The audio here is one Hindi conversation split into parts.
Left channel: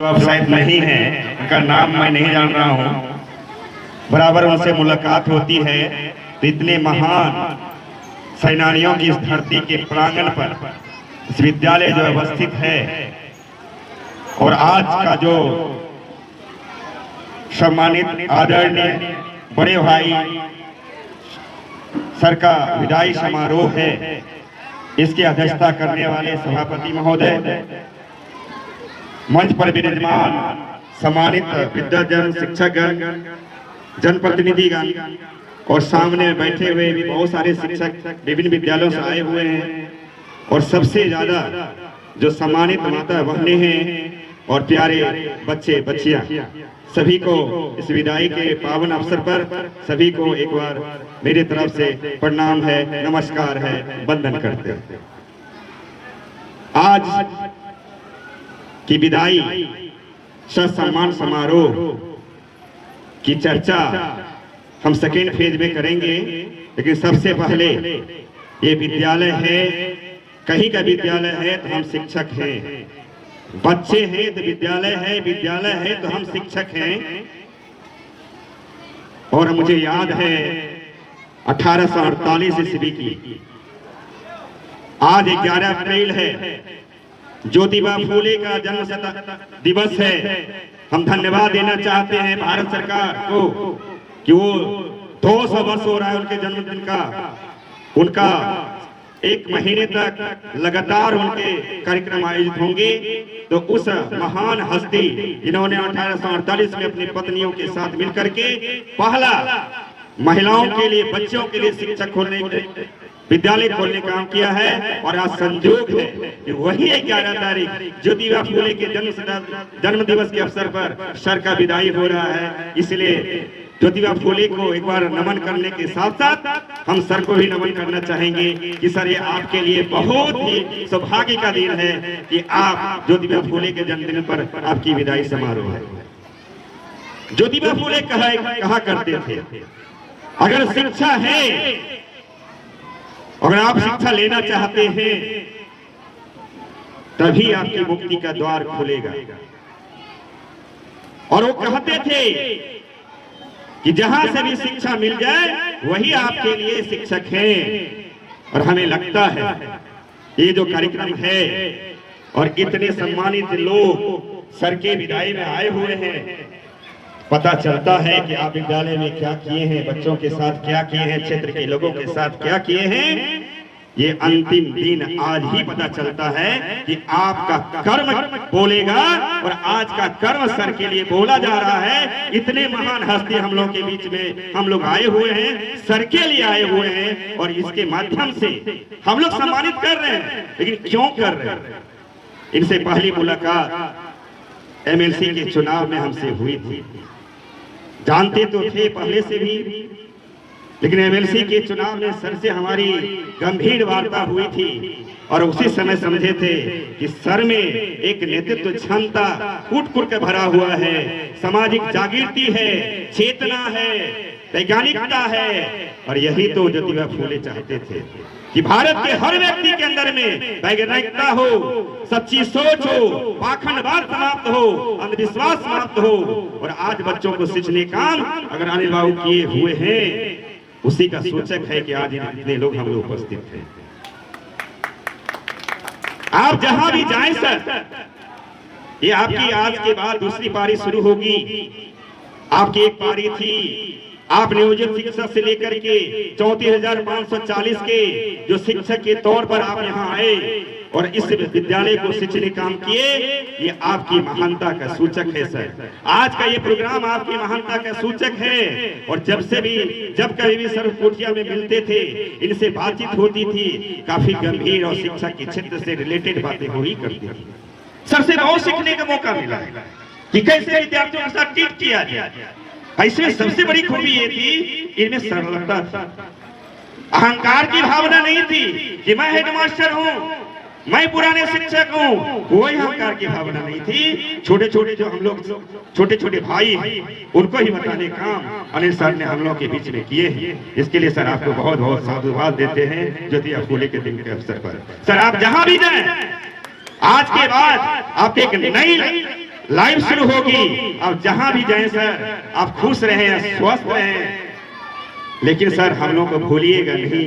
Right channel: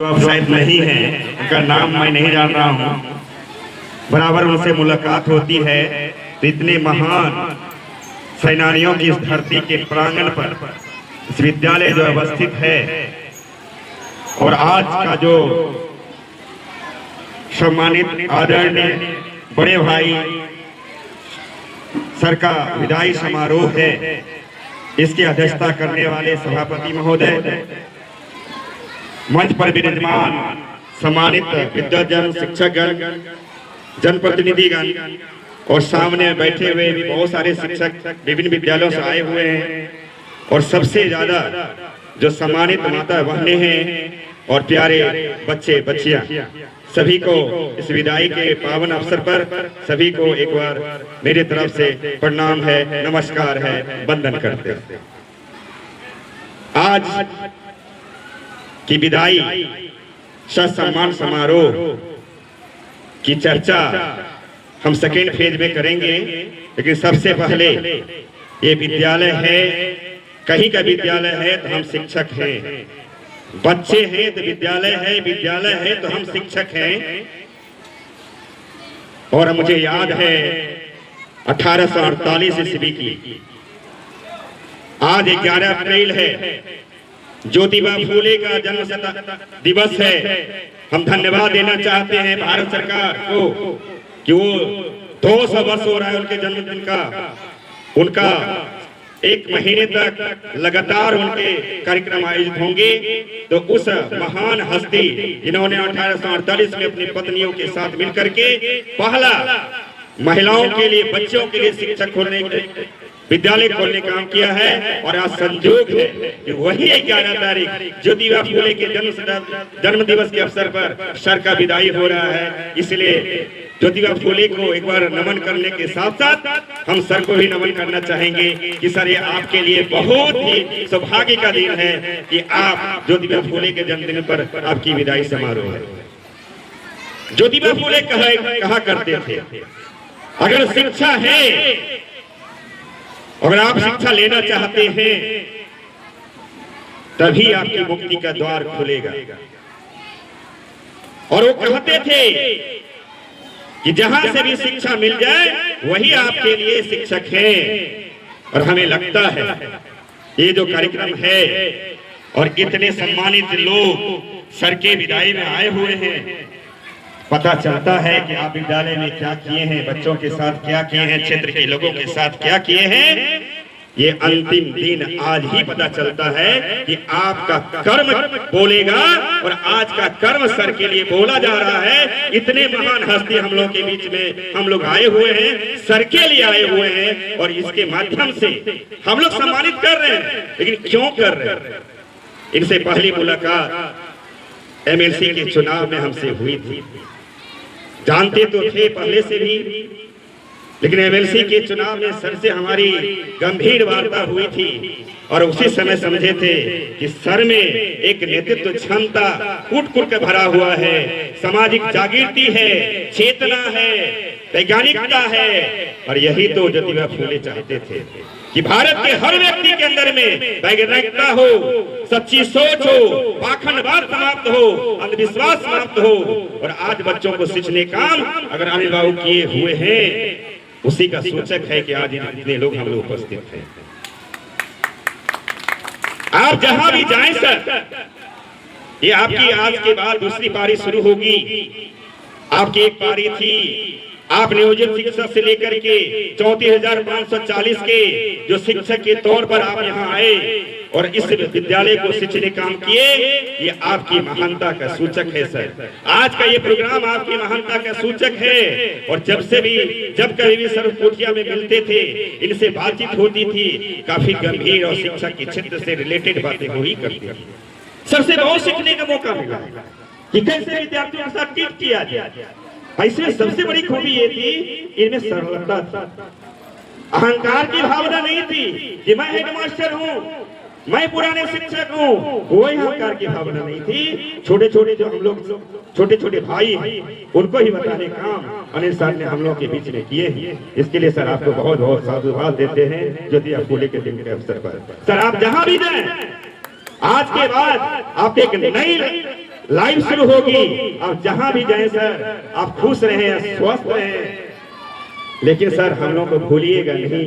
आप शायद नहीं है, उनका नाम मैं नहीं जान रहा हूँ। बराबर उनसे मुलाकात होती है तो इतने महान सेनानियों की इस धरती के प्रांगण पर इस विद्यालय जो अवस्थित है और आज का जो सम्मानित आदरणीय बड़े भाई सर का विदाई समारोह है, इसकी अध्यक्षता करने वाले सभापति महोदय, मंच पर विराजमान सम्मानित विद्याजन, शिक्षकगण, जनप्रतिनिधिगण और सामने बैठे हुए भी बहुत सारे शिक्षक विभिन्न विद्यालयों से आए हुए हैं और सबसे ज्यादा जो सम्मानित माता बहनें हैं और प्यारे बच्चे बच्चियां, सभी को इस विदाई के पावन अवसर पर सभी को एक बार मेरी तरफ से प्रणाम है, नमस्कार है, वंदन करते हैं। आज की विदाई सम्मान समारोह की चर्चा हम सेकेंड फेज में करेंगे, लेकिन सबसे पहले ये विद्यालय है, कहीं का विद्यालय है तो हम शिक्षक हैं, बच्चे हैं तो विद्यालय है तो हम शिक्षक हैं। और मुझे याद है 1848 ईस्वी की आज 11 अप्रैल है, ज्योतिबा फूले का जन्म दिवस है। हम धन्यवाद देना चाहते हैं भारत सरकार को कि वो 200 वर्ष हो रहा है उनके जन्मदिन का, उनका एक महीने तक लगातार उनके कार्यक्रम आयोजित होंगे। तो उस महान हस्ती जिन्होंने 1848 में अपनी पत्नियों के साथ मिलकर के पहला महिलाओं के लिए, बच्चों के लिए शिक्षक खोलने के विद्यालय खोलने का काम किया है, और आज संयोग है कि वही 11 तारीख ज्योतिबा फूले के जन्म दिवस के अवसर पर सर का विदाई हो रहा है। इसलिए ज्योतिबा फूले को एक बार नमन करने के साथ साथ हम सर को भी नमन करना चाहेंगे कि सर ये आपके लिए बहुत ही सौभाग्य का दिन है कि आप ज्योतिबा फूले के जन्मदिन पर आपकी विदाई समारोह है। ज्योतिबा फूले कहा करते थे, अगर शिक्षा है, अगर आप शिक्षा लेना चाहते हैं तभी आपकी मुक्ति का द्वार खुलेगा। और वो कहते थे कि जहां से भी शिक्षा मिल जाए वही आपके लिए शिक्षक है। और हमें लगता है ये जो कार्यक्रम है और इतने सम्मानित लोग सर के विदाई में आए हुए हैं, पता चलता है कि आप विद्यालय में क्या किए हैं, बच्चों के साथ क्या किए हैं, क्षेत्र के लोगों के साथ क्या किए हैं। ये अंतिम दिन आज ही पता चलता है कि आपका कर्म बोलेगा, और आज का कर्म सर के लिए बोला जा रहा है। इतने महान हस्ती हम लोग के बीच में हम लोग आए हुए हैं, सर के लिए आए हुए हैं, और इसके माध्यम से हम लोग सम्मानित कर रहे हैं। लेकिन क्यों कर रहे हैं? इनसे पहली मुलाकात एमएलसी के चुनाव में हमसे हुई थी, जानते तो थे पहले से भी, लेकिन एमएलसी के चुनाव में सर से हमारी गंभीर वार्ता हुई थी और उसी समय समझे थे कि सर में एक नेतृत्व क्षमता कूट के भरा हुआ है, सामाजिक जागृति है, चेतना है, वैज्ञानिकता है। और यही तो ज्योतिबा फूले चाहते थे कि भारत के हर व्यक्ति के अंदर में वैज्ञानिकता हो, सच्ची सोच हो, पाखंडवाद समाप्त हो, अंधविश्वास समाप्त हो। और आज बच्चों को सिंचने काम अगर अनिल बाबू किए हुए हैं, उसी का सूचक है कि आज इतने लोग हम लोग उपस्थित हैं। आप जहां भी जाएं सर, ये आपकी आज के बाद दूसरी पारी शुरू होगी। आपकी एक पारी थी, आप नियोजित शिक्षक से लेकर के 34,540 के जो शिक्षक के तौर पर आप यहाँ आए और इस विद्यालय को सिंचने काम किए, ये आपकी महानता का सूचक है सर। आज का ये प्रोग्राम आपकी महानता का सूचक है। और जब कभी भी सर कोठिया में मिलते थे, इनसे बातचीत होती थी, काफी गंभीर और शिक्षा के क्षेत्र से रिलेटेड बातें हुई करती थी। सबसे बहुत सीखने का मौका मिला कि कैसे विद्यार्थियों के साथ ट्रीट किया जाए। ऐसे सबसे बड़ी खूबी ये थी, इनमें सरलता थी, अहंकार की भावना नहीं थी कि मैं हेडमास्टर हूँ, मैं पुराने शिक्षक हूँ, कोई अहंकार की भावना नहीं थी। छोटे छोटे जो हम लोग छोटे छोटे भाई हैं, उनको ही बताने काम अनिल सर ने हम लोग के बीच में किए हैं। इसके लिए सर आपको बहुत बहुत साधुवाद देते हैं ज्योतिबा फूले के दिन के अवसर पर। सर आप जहां भी जाएं, आज के बाद आप एक नई लाइफ शुरू होगी। अब जहां भी जाए सर आप खुश रहें, स्वस्थ रहें, लेकिन सर हम लोग को भूलिएगा नहीं।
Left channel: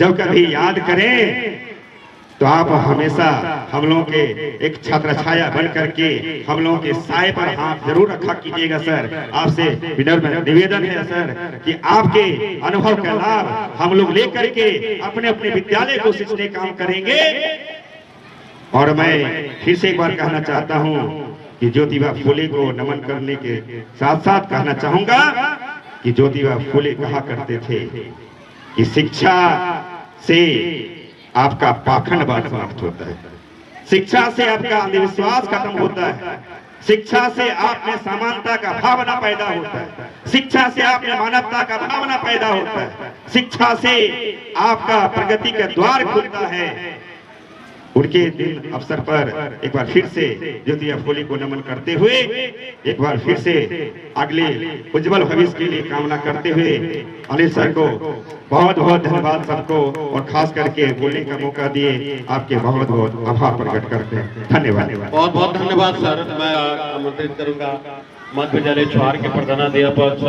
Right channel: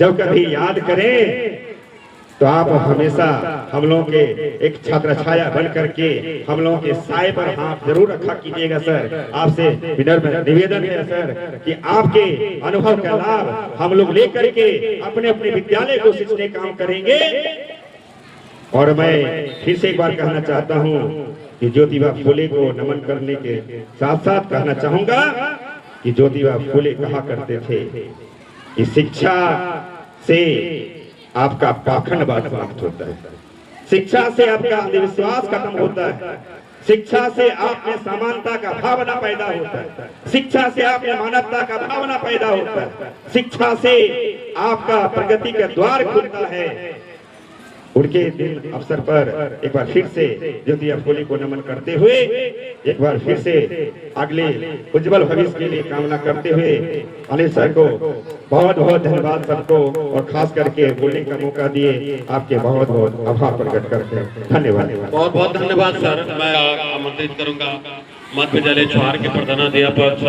जब कभी याद करें तो आप हमेशा हम लोगों के एक छात्र छाया बन करके हम लोगों के साए पर हाथ जरूर रखा कीजिएगा सर। आपसे विनम्र निवेदन है सर कि आपके अनुभव का लाभ हम लोग लेकर के अपने अपने विद्यालय को सीखने काम करेंगे। और मैं फिर से एक बार कहना चाहता हूं कि ज्योतिबा फुले को नमन करने के साथ साथ कहना चाहूंगा कि ज्योतिबा फुले कहा करते थे कि शिक्षा से आपका पाखंडवाद समाप्त होता है, शिक्षा से आपका अंधविश्वास खत्म होता है, शिक्षा से आप में समानता का भावना पैदा होता है, शिक्षा से आप में मानवता का भावना पैदा होता है, शिक्षा से आपका प्रगति का द्वार खुलता है। उनके दिन अवसर पर एक बार फिर से ज्योतिबा फुले को नमन करते हुए एक बार फिर से अगले उज्जवल भविष्य के लिए कामना करते हुए अनिल सर को बहुत बहुत धन्यवाद सबको, और खास करके बोलने का मौका दिए आपके बहुत बहुत आभार प्रकट करते हैं। धन्यवाद। बहुत बहुत धन्यवाद सर। मैं आमंत्रित करूंगा मध्य विद्यालय छुहार के प्रधानाध्यापक